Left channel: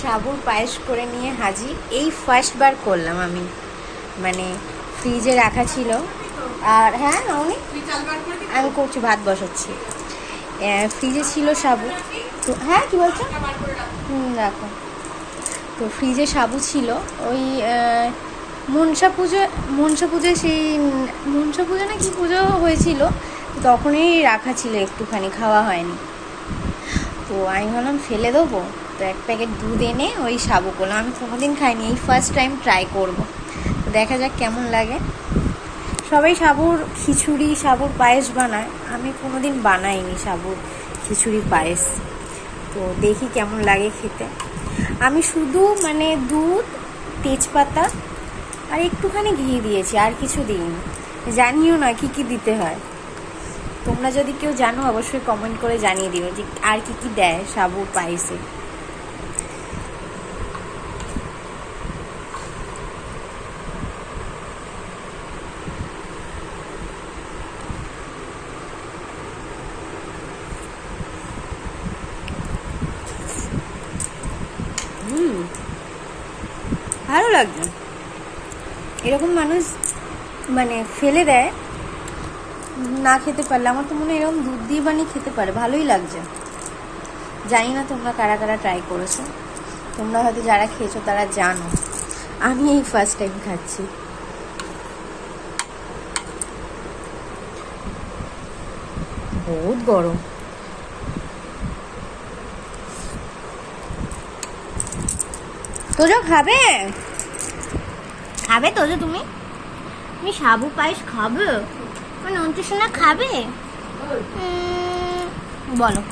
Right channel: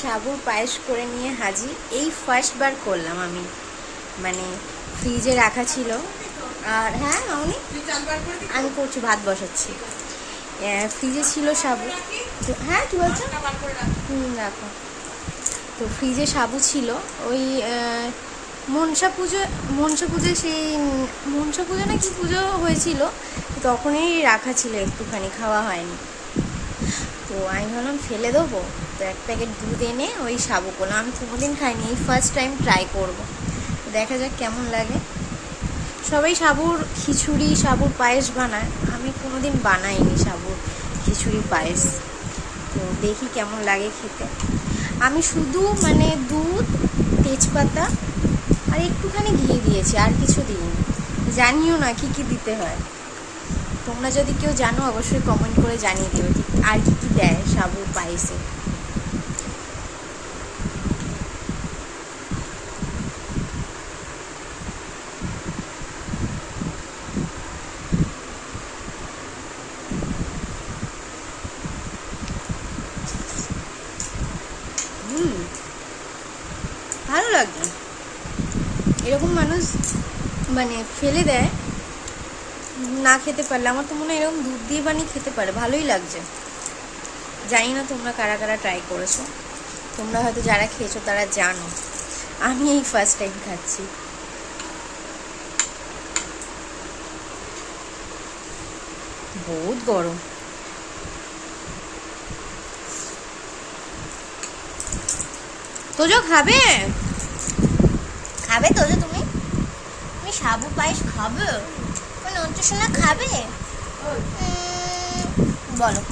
সাবুর পায়েস করে নিয়ে হাজির। এই ফার্স্ট বার করলাম আমি, মানে ফ্রিজে রাখা ছিল। আর হ্যাঁ মামনি আমি করছি, ভাত বসাচ্ছি। ফ্রিজে ছিল সাবু, তো হ্যাঁ কি বলছো? রাখো। তো ফ্রিজে সাবু ছিল, ওই মনসা পুজোয় সেই মনসা পুজো না কি পুজো হয়েছিল, তখনই রাখা ছিল, একটুখানি খাওয়া হয়নি। তো আমি ভাবলাম ফেলে দেবো, তো এক প্যাকেট দুধ এনে ওই সাবু করলাম। আমি কোনোদিন খাইনি, এই ফার্স্ট টাইম ট্রাই করবো, তো দেখা যাক কেমন লাগে। সবাই সাবুর খিচুড়ি সাবুর পায়েস বানায়, আমি কোনোদিন বানাইনি সাবুর খিচুড়ি পায়েস, তো দেখি কেমন লাগে খেতে। আমি শুধু মানে দুধ, তেজপাতা আর একটুখানি ঘি দিয়েছি, আর কিছু দিইনি। জানিও না কি কি দিতে হয়, তোমরা যদি কেউ জানো অবশ্যই কমেন্ট করে জানিয়ে দিও যে আর কি কি দেয় সাবুর পায়েসে। ভালো লাগছে। এরকম মানুষ মানে ফেলে দেয় না খেতে পারলে, আমার তো মনে হয় এরকম দুধ দিয়ে বানিয়ে খেতে পারে, ভালোই লাগছে। জানি না তোমরা কারা কারা ট্রাই করেছো, তোমরা হয়তো যারা খেয়েছো তারা জানো, আমি এই ফার্স্ট টাইম খাচ্ছি। বহুত গরম। তোজো খাবে খাবে তোজো, তুমি সাবু পায়েস খাবে? নন্টু সোনা খাবে? বলো।